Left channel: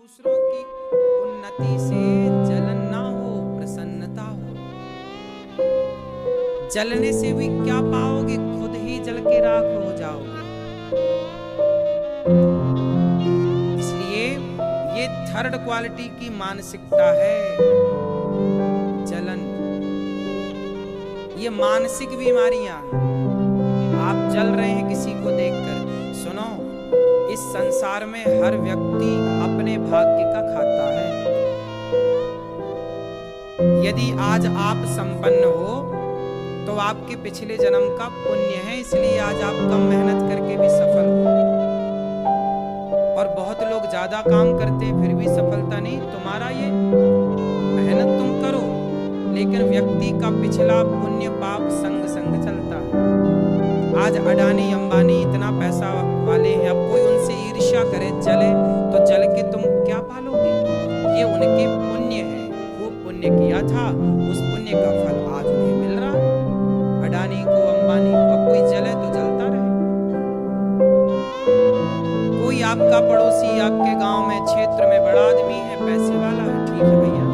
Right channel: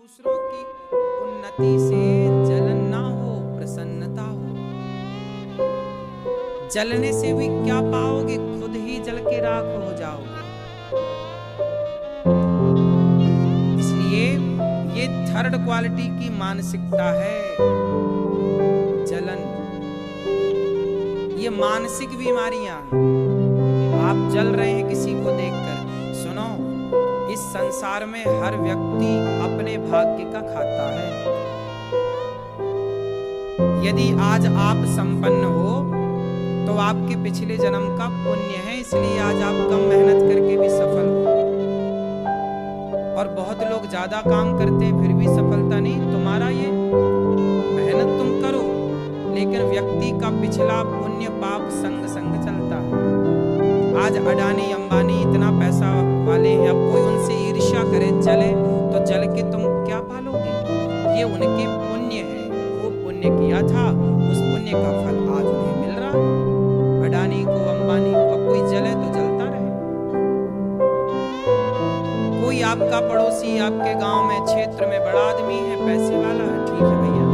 दूसरों की उन्नति से जलन ना हो, प्रसन्नता हो। जलने से भी क्या पाओगे? खुद ही जल के राख हो जाओगे। इसलिए ये थर्ड क्वालिटी की मानसिकता है, जलन। ये मानसिक बीमारियां हैं। आप जल रहे हैं किसी को देखकर। सुनो, इस संसार में हर व्यक्ति अपने भाग्य का खाता है। यदि आज आप संपन्न हो तो आपके पिछले जन्म का पुण्य है, इसलिए आज आप कम मेहनत करके भी सफल हो। और बहुत लोग ज्यादा काम करते हैं फिर भी सफलता नहीं। तुम्हारा ये मेहनत तुम करो, लेकिन व्यक्ति का पिछला पुण्य पाप संग संग चलता है। आज अडानी अंबानी इतना पैसा वाले हैं, अब कोई उनसे ईर्ष्या करे जले तो जल के तुम क्या पालोगे? ये उनके पुण्य है, खूब पुण्य किया था, उस पुण्य का फल आज उन्हें मिल रहा है। अडानी को, अंबानी को, अब कोई जले तो जलता रहे। कोई आपका पड़ोसी आपके गांव में, क्षेत्र में बड़ा आदमी है, पैसे वाला है, ठीक है भैया,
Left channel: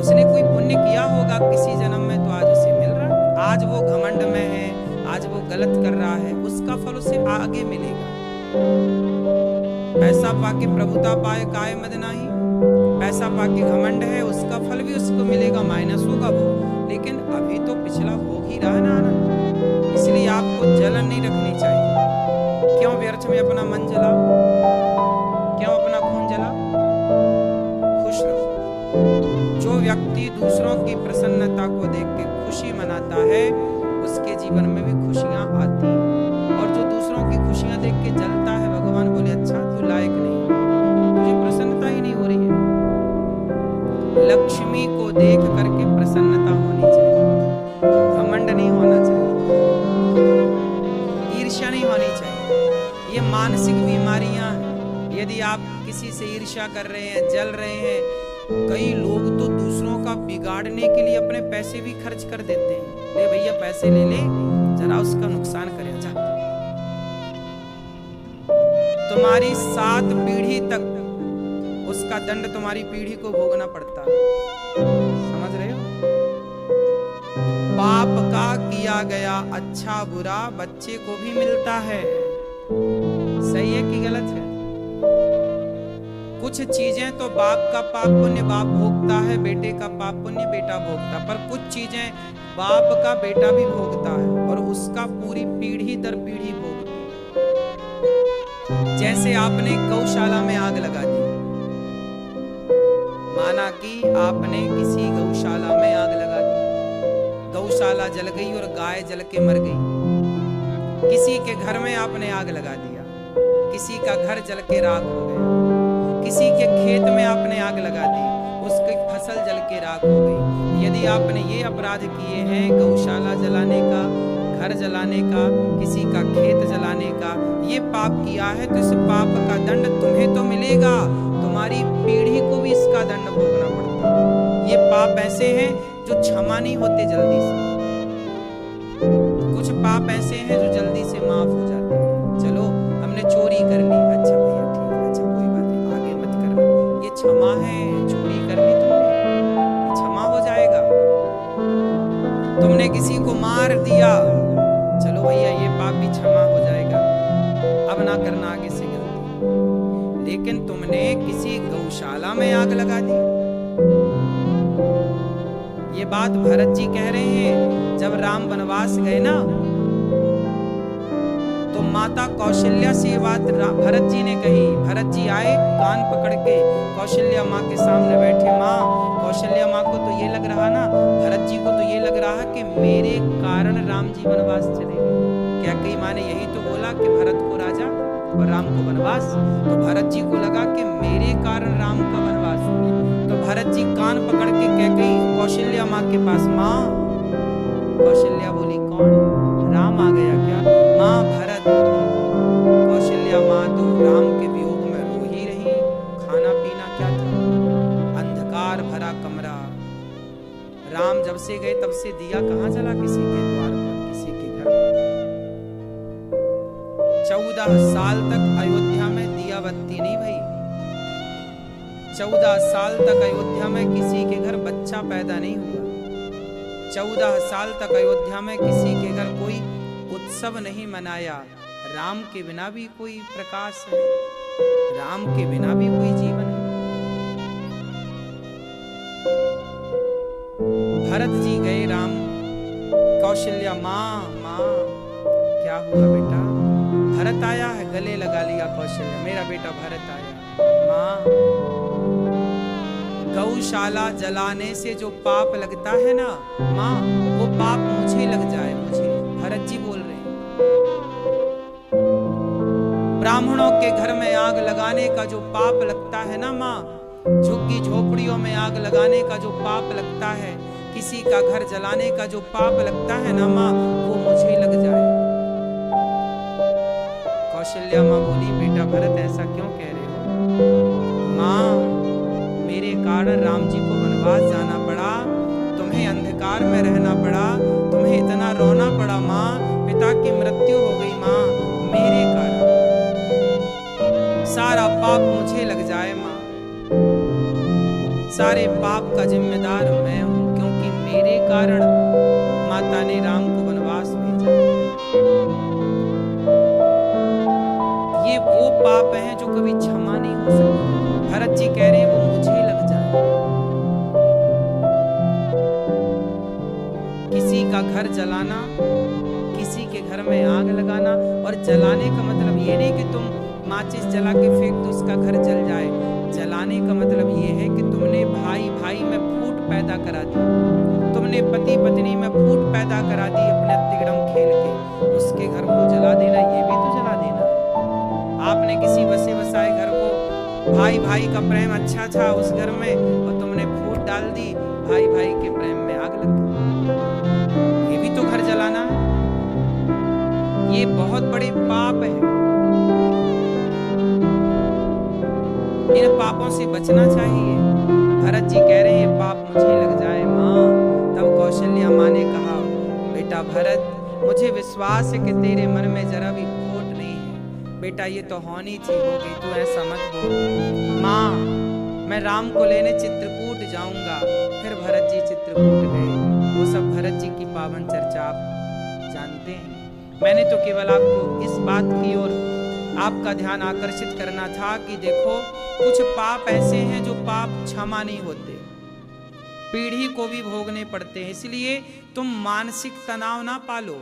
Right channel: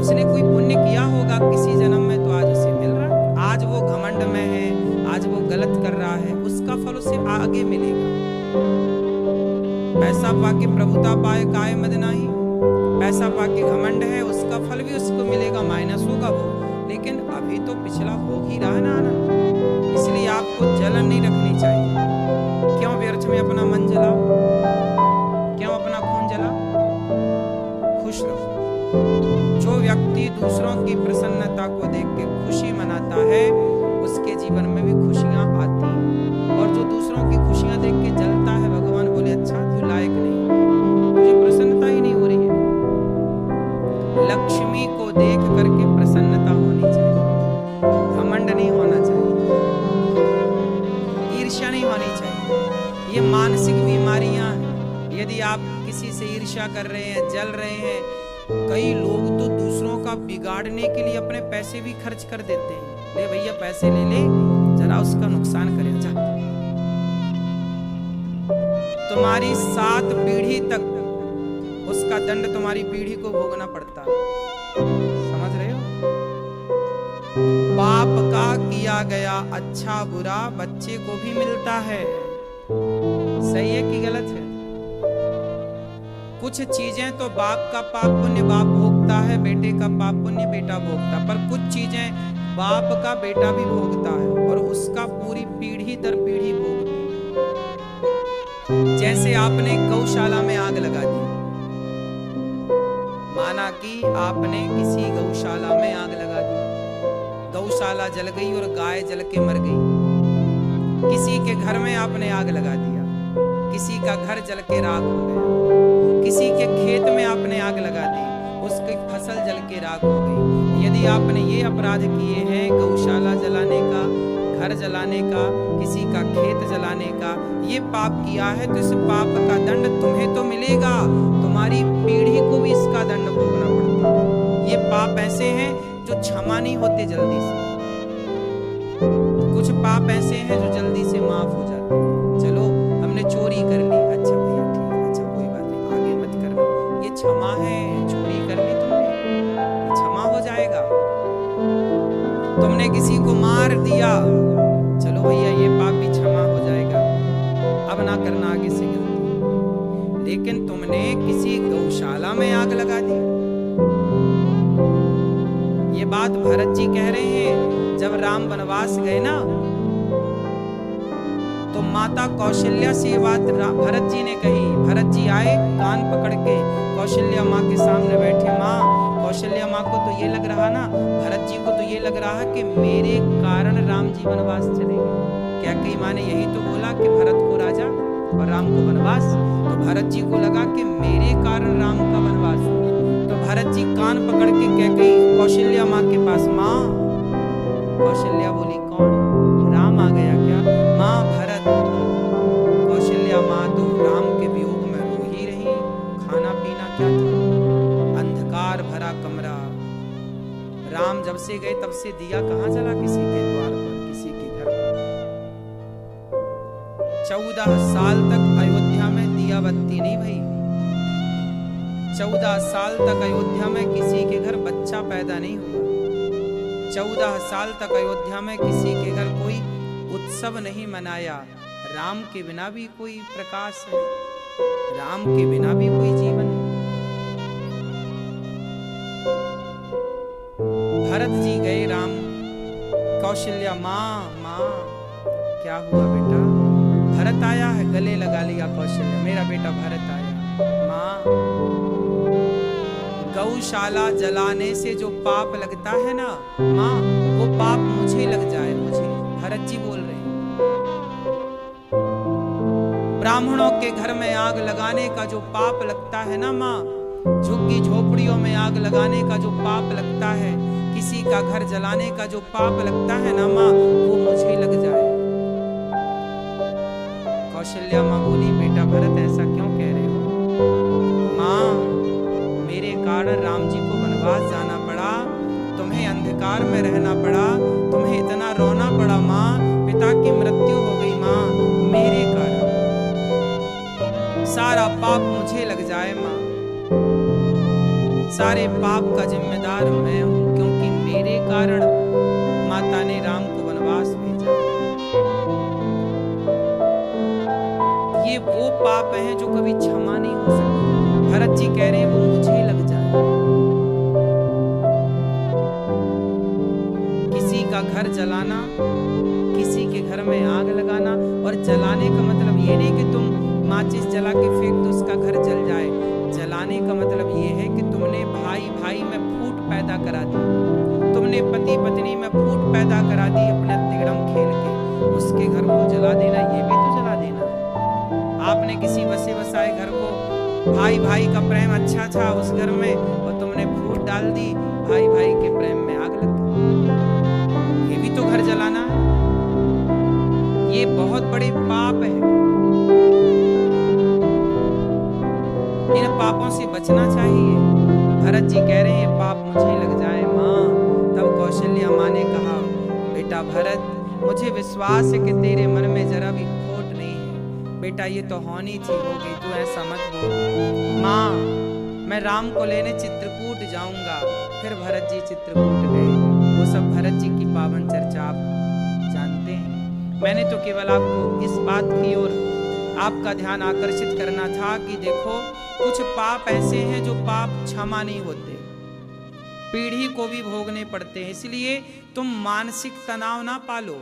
उसने कोई पुण्य किया होगा किसी जन्म में तो आज उसे मिल रहा है। आज वो घमंड में है, आज वो गलत कर रहा है, उसका फल उसे आगे मिलेगा। पैसा पाके प्रभुता पाए काय मद नाही, पैसा पाके घमंड है, उसका फल भी उसको मिलेगा, माइनस होगा वो, लेकिन अभी तो पिछला भोग ही रहा ना आनंद। इसलिए आपको जलन नहीं रखनी चाहिए। क्यों व्यर्थ में अपना मन जलाओ, क्यों अपना खून जलाओ? खुश रहो। जो व्यक्ति दूसरों की प्रसन्नता को देख के खुशी मनाता है, उसके जीवन में भी खुशियां आती हैं। और जो दूसरों की खुशियां देख के जलता है, भगवान बोले अच्छा तू लायक नहीं, तुझे प्रसन्नता ही नहीं हो रही है। लक्ष्मी को देख करके प्रसन्नता होनी चाहिए, घमंड नहीं होना चाहिए, ईर्ष्या नहीं होनी चाहिए। ये मानसिक बीमारियां हैं। यदि आप किसी से ईर्ष्या कर रहे हैं, जल रहे हैं, कई लोग तो दूसरों का बिगाड़ने के लिए अपने पैसे भी खर्च कर देते हैं। ले भैया पैसे ले ले, जरा उसका नुकसान करे, जा। तुम्हारी 7 पीढ़ी तक उसका दंड तुम्हारी पीढ़ी को भोगना पड़ता है। समझ रहे हो? बाप का किया गया अच्छा बुरा बच्चे को भी मिलता है। सही है कि गलत है? कुछ चीजें तो बाप का पाप पुण्य बाप भोगता है, बेटे का पाप पुण्य बेटा भोगता है, पर कुछ चीजें बाप का बेटा भी भोगता है और उसका पूरी पीढ़ी दर पीढ़ी भोगती है। जैसे आपने गौशाला में आग लगा दी, माना कि आपने किसी गौशाला में आग लगा दी, गौशाला जल गई और गाय जल के मर गई। किसी के घर में आपने आग लगा दिया, किसी का घर जल के राख हो गया। किसी के खेत में आपने आग लगा दी, उसकी फसल जल के राख हो गई। यदि आपने ये अपराध किए हैं, गौशाला जलाने का, घर जलाने का, किसी का खेत जलाने का, ये पाप किया है, तो इस पाप का दंड तुम्हें तो मिलेगा, तुम्हारी पीढ़ी को भी इसका दंड भोगना पड़ता है। ये पाप ऐसे हैं जो क्षमा नहीं होते जल्दी से। कुछ पाप ऐसे हैं जो जल्दी से माफ हो जाते हैं। चलो हमने चोरी कर ली, अच्छा भैया ठीक है, अच्छा कोई बात नहीं, आगे मत करना, ये क्षमा है। चोरी कर ली तुमने, ये क्षमा हो जाएगा। तुमने किसी को मार दिया, चलो भैया ये पाप भी क्षमा हो जाएगा, अब ना करना आगे से गलती। लेकिन तुमने किसी गौशाला में आग लगा दी। ये बात भरत जी कह रहे हैं। जब राम वनवास गए ना, तो माता कौशल्या से ये बात भरत जी ने कही। भरत जी आए कान पकड़ के, कौशल्या माँ के सामने बैठे। माँ, कौशल्या माँ को तो ये लग रहा ना, भरत जी को तो ये लग रहा कि मेरे कारण राम जी वनवास चले गए। कैकेयी माँ ने यही तो बोला कि भरत को राजा और राम को वनवास। तो भरत जी को लगा कि मेरे कारण राम का वनवास हो। तो भरत जी कान पकड़ के कैकेयी कौशल्या माँ के पास, माँ। कौशल्या बोली कौन? राम आ गया क्या? माँ भरत। कौशल्या माँ तो राम के वियोग में रो ही रही। खाना पीना क्या था? अंधकार भरा कमरा। राम जब से गए तब से दिया कहाँ जला किसी के द्वार पर, किसी के घर पर। 14 साल तक अयोध्या में दिया बत्ती नहीं भई। 14 साल तक अयोध्या में किसी के घर बच्चा पैदा नहीं हुआ। 14 साल तक अयोध्या में किसी के घर कोई उत्सव नहीं मनाया। राम के बिना भी कोई प्रकाश है, राम के बिना भी कोई जीवन है। भरत जी गए, राम कौशल्या माँ क्या हुआ बेटा? भरत आया है, गले लगा लिया कौशल्या, मेरा बेटा भरत आया। माँ, गौशाला जलाने से जो पाप लगता है ना माँ, वो पाप मुझे लग जाए, मुझे। भरत जी बोल रहे हैं, ब्राह्मणों के घर में आग लगाने का जो पाप लगता है ना माँ, झुग्गी झोपड़ियों में आग लगाने का जो पाप लगता है, किसी का घर जलाने का जो पाप लगता है ना माँ, वो मुझे लग जाए। कौशल्या माँ बोली, बेटा भरत ऐसा क्यों कह रहे हो? माँ, मेरे कारण राम जी को वनवास जाना पड़ा, तुम्हें अंधकार में रहना पड़ा, तुम्हें इतना रोना पड़ा माँ, पिता की मृत्यु हो गई माँ, मेरे कारण सारा पाप मुझे लग जाए माँ। सारे पाप का जिम्मेदार मैं हूं, क्योंकि मेरे कारण माता ने राम को वनवास भेजा। ये वो पाप हैं जो कभी क्षमा नहीं हो सकते। भरत जी कह रहे हैं वो मुझे लग जाए। किसी का घर जलाना, किसी के घर में आग लगाना, और जलाने का मतलब ये नहीं कि तुम माचिस जला के फेंक दो उसका घर जल जाए। जलाने का मतलब ये है कि तुमने भाई भाई में फूट पैदा करा दी, तुमने पति पत्नी में फूट पैदा करा दी अपने तिगड़म खेल के, उसके घर को जला देना, ये भी तो जला देना है। आपने किसी बसे बसाए घर को, भाई भाई का प्रेम अच्छा था उस घर में, और तुमने फूट डाल दी, भाई भाई के प्रेम में आग लग गई, ये भी तो घर जलाना है। ये बहुत बड़े पाप है, इन पापों से बचना चाहिए। भरत जी कह रहे हैं पाप मुझे लग जाए माँ। तब कौशल्या माँ ने कहा, बेटा भरत, मुझे विश्वास है कि तेरे मन में जरा भी खोट नहीं है बेटा, ये तो होनी थी हो गई, तू ऐसा मत बोल। माँ, मैं राम को लेने चित्रकूट जाऊंगा। फिर भरत जी चित्रकूट गए। वो सब भरत जी की पावन चर्चा आप जानते हैं। मैंने तो केवल आपको इस बात की ओर आपका ध्यान आकर्षित करना था कि देखो, कुछ पाप ऐसे हैं जो पाप क्षमा नहीं होते, पीढ़ी को भी भोगने पड़ते हैं। इसलिए तुम मानसिक तनाव ना पालो।